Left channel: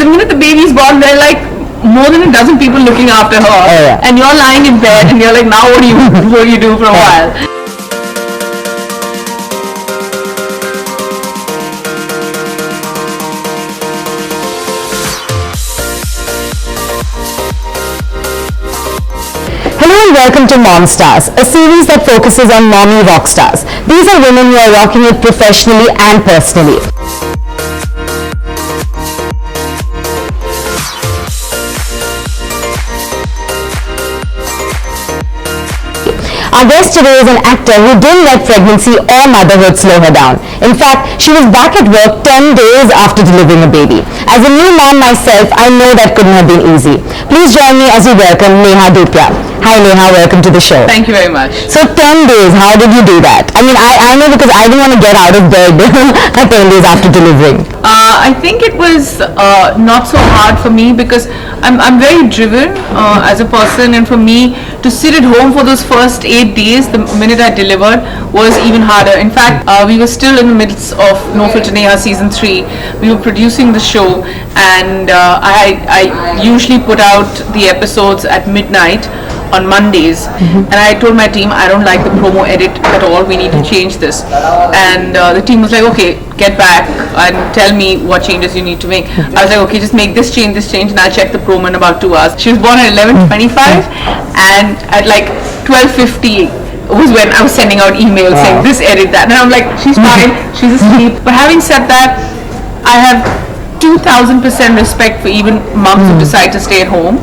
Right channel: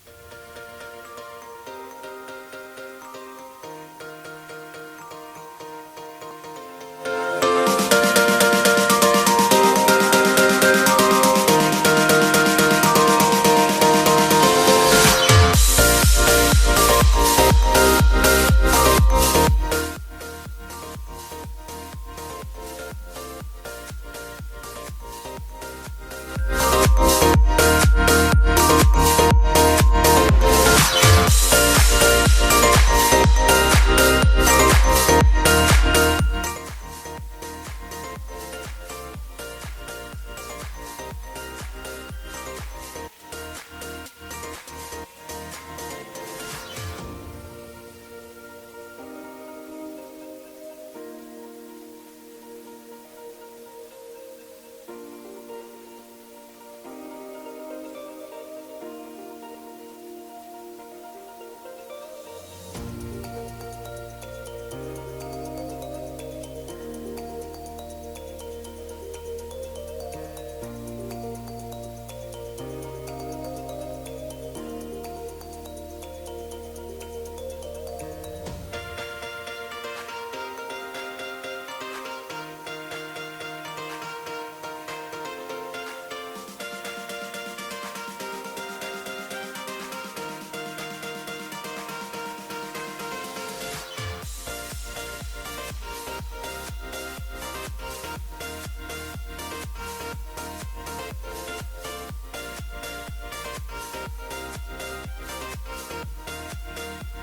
the minute the baby's born, they're like more than a dozen people looking after her, and you're lying in bed, and you're like, now what do you do for a while? Hello and welcome to Mom Stars, a series that focuses on mommy rock stars. These are women who are rocking it professionally and personally. Our guest today is an actor who didn't let pregnancy or motherhood slow her down. In fact, she was back at work 10 days after delivering a baby. As a new mom myself, I know that couldn't have been easy. Please join me as we welcome NEHA Dhupia. Hi NEHA, welcome to the show. Thank you very much. So 10 days, how did you do that? I mean, I know because I didn't want to get out of bed 10 days after delivering. I think it was not so hard for me because I'm very driven as a person, and for me to sit at home for those first 8 days, the minute I delivered, was even harder. In fact, we were still in the midst of No Filter Neha season 3. We were producing the show, and I usually put out the episodes at midnight on Mondays, and I told my team I don't like the promo edit at all, we need to change this, and the team was like, okay, get back and tell me what changes you need to make. I was like, okay, just make this change, and I'll check the promo in about 2 hours. She was born at 11:25, and at like 12:50 was when I was sending out emails saying this, edit that, and I'm like, she's fine, she's asleep. But having said that, I have 2,000% respect for even moms who decide to stay at home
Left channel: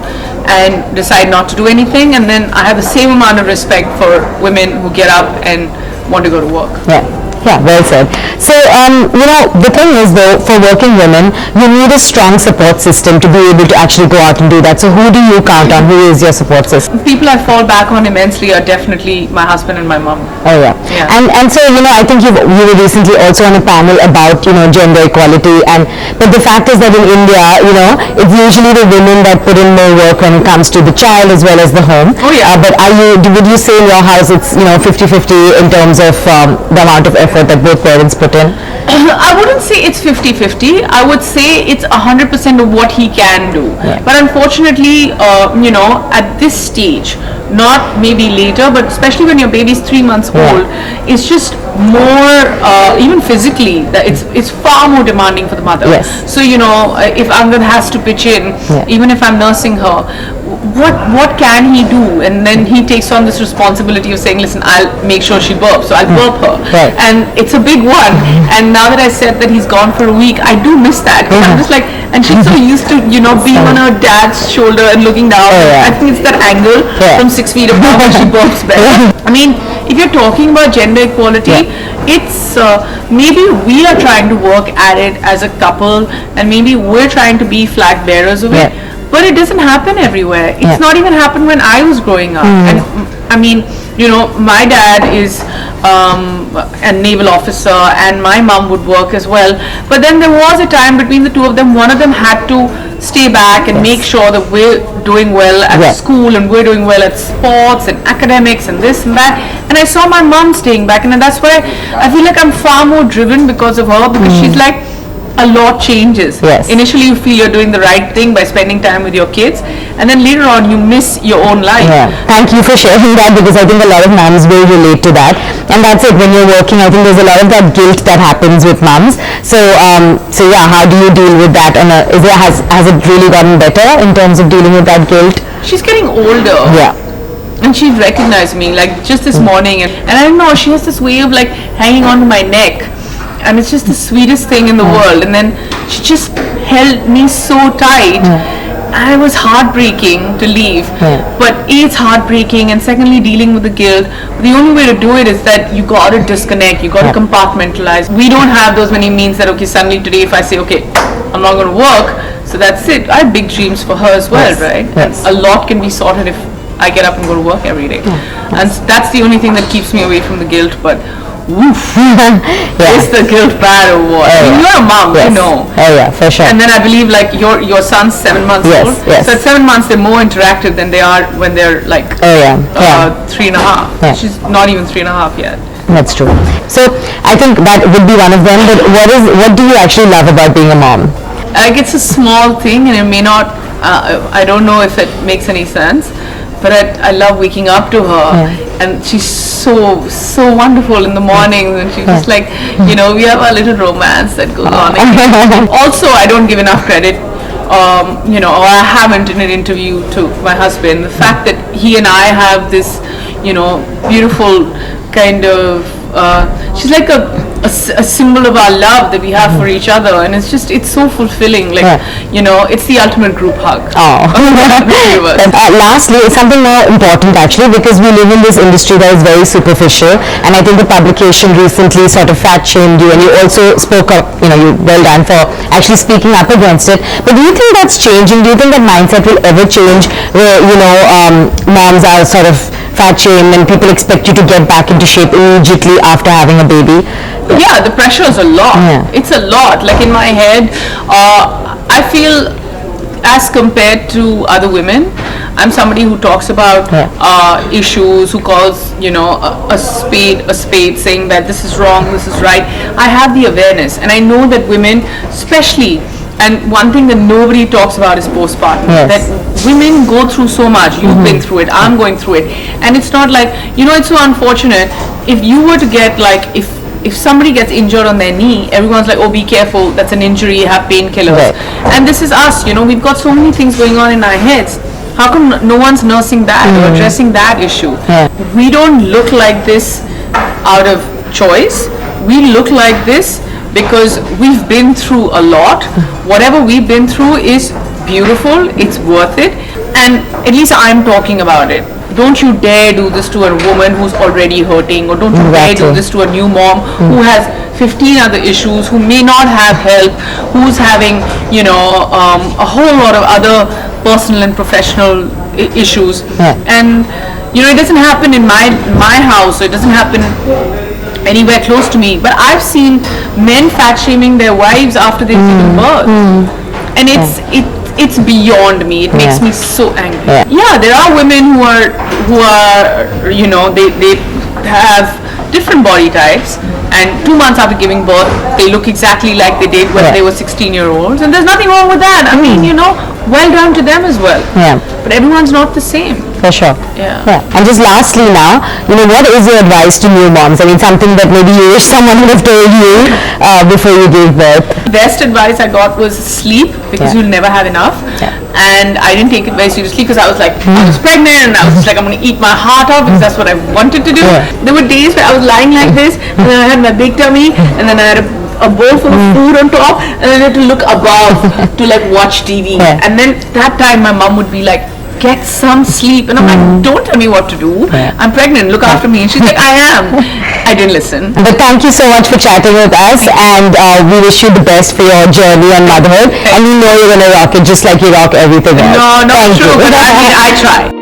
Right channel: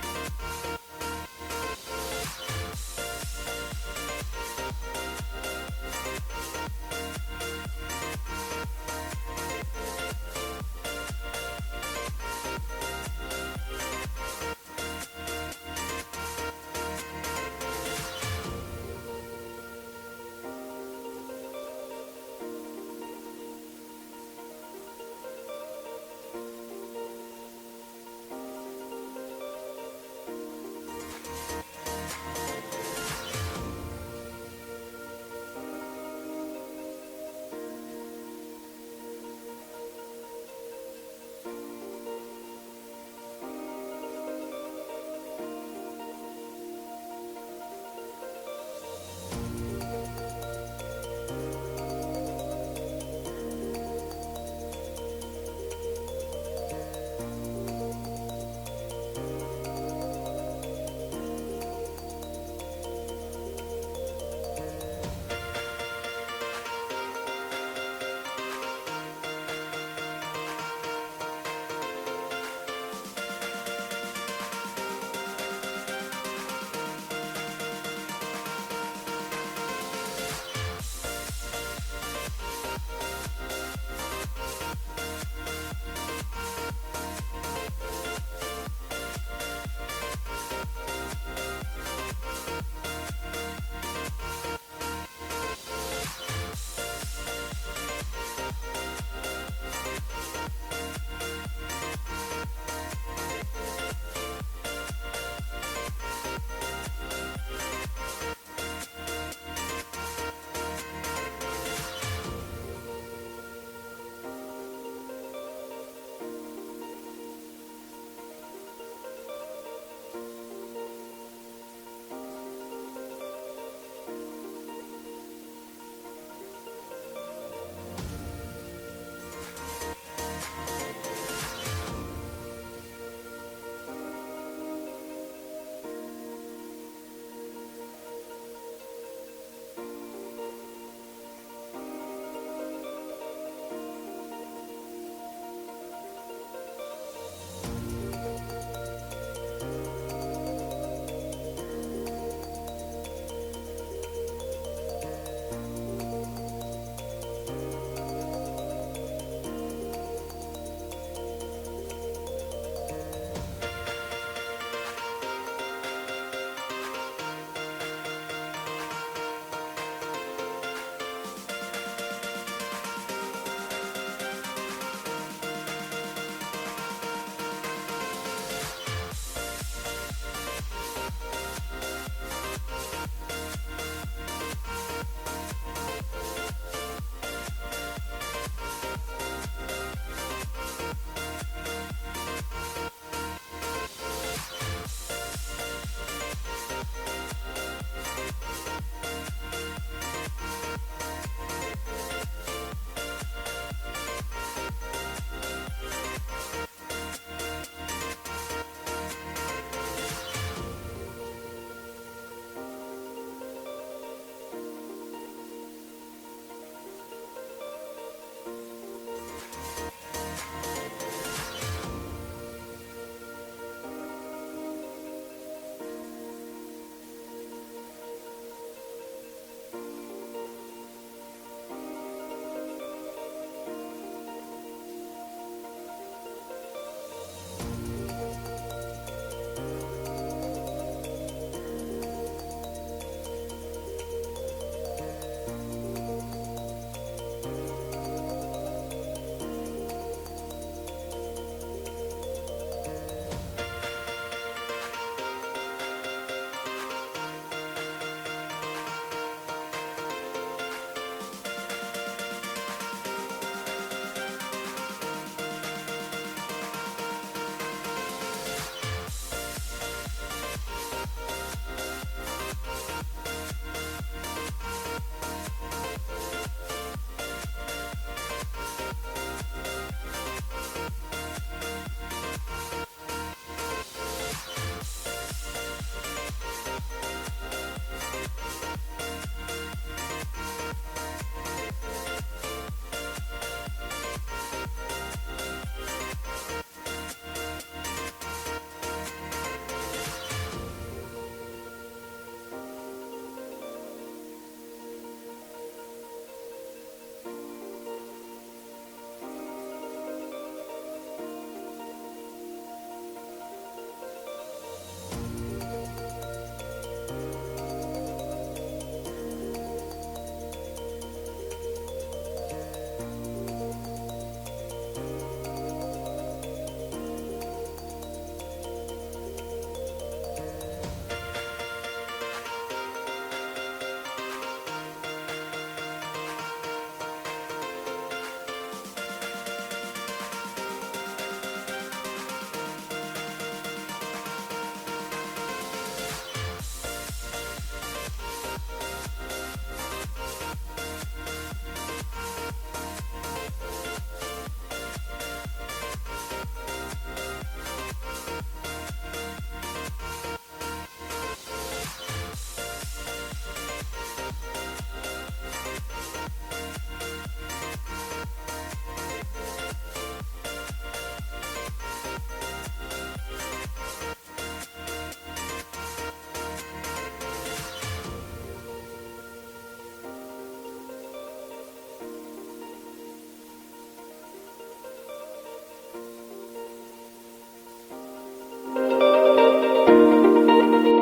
and decide not to do anything, and then I have the same amount of respect for women who get up and want to go to work. Yeah, well said. So, the thing is though, for working women, you need a strong support system to be able to actually go out and do that. So who do you count on? Who is your support system? People I fall back on immensely are definitely my husband and my mom. Oh yeah. And so, I think you were recently also on a panel about, gender equality, but the fact is that in India, it's usually the women that put in more work when it comes to the child as well as the home. Oh yeah. But would you say in your house it's, 50-50 in terms of the amount of effort that both parents put in? I wouldn't say it's 50-50. I would say it's 100% of what he can do. Yeah. But unfortunately, at this stage, not maybe later, but especially when your baby's 3 months old, it's just more, even physically, that it's far more demanding for the mother. Yes. So, if Angad has to pitch in, even if I'm nursing her, what can he do? And then he takes on this responsibility of saying, listen, I'll make sure she burps, so I'll burp her. Right. And it's a big one. And now that I said that he's gone for a week, I do miss that. I'm just like, and she's so used to, being on her dad's shoulder and looking down. I think it's that angle from 6 feet above when she burps better. I mean, if you're talking about gender equality, it's maybe we are trying to work at it as a couple, and maybe we're trying to be flag bearers of it. But it doesn't happen everywhere. It's not even happened when I was growing up. And I mean, my dad is a naval officer, and my mom would work as well. But then there was a time between the two of them, one of them had to stay back and make sure that we're doing well at school, and we're doing well at sports and academics and this and that. And I saw my mom staying back, and that's why I feel like I'm far more driven because of her, because she's like, a lot changes. Yes. Initially you feel you're doing the right thing by spending time with your kids, and then later on you miss your own life. Thank you for sharing that, because I think a lot of moms will relate to that. And that's it, when you're working, I think there's a lot of that guilt that happens with moms. So how do you deal with that? And has it really gotten better in terms of dealing with that guilt? She's getting older. And she recognized me, like just this morning, and I don't know, she has this way of like hanging on to my neck, and it's just the sweetest thing in the world. And then she just held me so tight, and it was heartbreaking to leave. But A, it's heartbreaking, and secondly, dealing with the guilt. The only way to do it is that you got to disconnect, you got to compartmentalize. We don't have those many means that, okay, suddenly today if I say, okay, I'm not going to work, so that's it. I have big dreams for her as well, right? Yes. And a lot can be sorted if I get up and go to work every day. And that's the only thing that keeps me away from the guilt. But woof, is the guilt bad or what? I mean, you're a mom, you know. Oh yeah, for sure. And then I believe like your son's 7 months old. So at 7 months they're more interactive than they are when they're like 3.5. She's not even 3.5 yet. That's true. So I think that would be one of them. But what do you actually love about being a mom? Like it's a small thing, and it may not. I don't know if it makes any sense, but I love waking up to her, and she's so wonderful in the mornings, and she's just like, you know, we have a little romance that goes on. Also, I don't give enough credit. You know, or I haven't in an interview to my husband. The fact that he and I have this, you know, beautiful kind of. She's like a symbol of our love that we have for each other, and it's so fulfilling. Like, you know, it's the ultimate group hug. Lastly, something more important actually, because we live in this industry that is very superficial, and I think the publication recently sort of fat shamed you, and you also spoke up. You know, you well done for actually speaking up against it. But do you think that's changing? Do you think that mindset will ever change, where, you know, moms are sort of fat shamed and people expect you to get back into shape immediately after having a baby? Yeah, the pressure is a lot. It's a lot. Like in my head, I feel as compared to other women, I'm somebody who talks about issues, who calls, you know, a spade, saying that this is wrong, this is right. I have the awareness, and I know that women, especially, and one thing that nobody talks about is postpartum. That women go through so much. You've been through it. I'm going through it. And it's not like, you know, it's so unfortunate. If you were to get like, if somebody gets injured on their knee, everyone's like, oh, be careful. That's an injury. Have painkillers. And this is us. You know, we've got so many things going on in our heads. How come no one's nursing that or addressing that issue? We don't look like this out of choice. We look like this because we've been through a lot. Whatever we've been through is beautiful, it's worth it, and at least I'm talking about it. Don't you dare do this to a woman who's already hurting, or don't you dare do this to a new mom who has 15 other issues, who may not have help, who's having, you know, a whole lot of other personal and professional issues. And, you know, it doesn't happen in my house, so it doesn't happen anywhere close to me, but I've seen men fat shaming their wives after they've given birth, and it's beyond me. It makes me so angry. Yeah, there are women who are you know, they have different body types, and 2 months after giving birth they look exactly like they did when they were 16-year-olds, and there's nothing wrong with that. I mean, you know, well done to them as well. But everyone's not the same. For sure. And just lastly now, you know, what is your advice to new moms? I mean, something that maybe you wish someone would have told you before you gave birth. The best advice I got was sleep, because you'll never have enough. And I didn't take it very seriously, because I was like, I was pregnant, and I was just like, I'm going to eat my heart out, because that's what I wanted to do. There were days where I was lying like this, and then I had my big tummy, and then I had a bowl full of food on top, and then I had to look above to like watch TV. And then that time my mom would be like, get some sleep, and I'm like, don't tell me what to do. I'm pregnant, look after me. And she's like, I am. I didn't listen. But thank you so much for chatting with us, and we wish you the best for your journey on motherhood, and we know you're going to rock it just like you rock everything else. No, not true, but I mean, I try.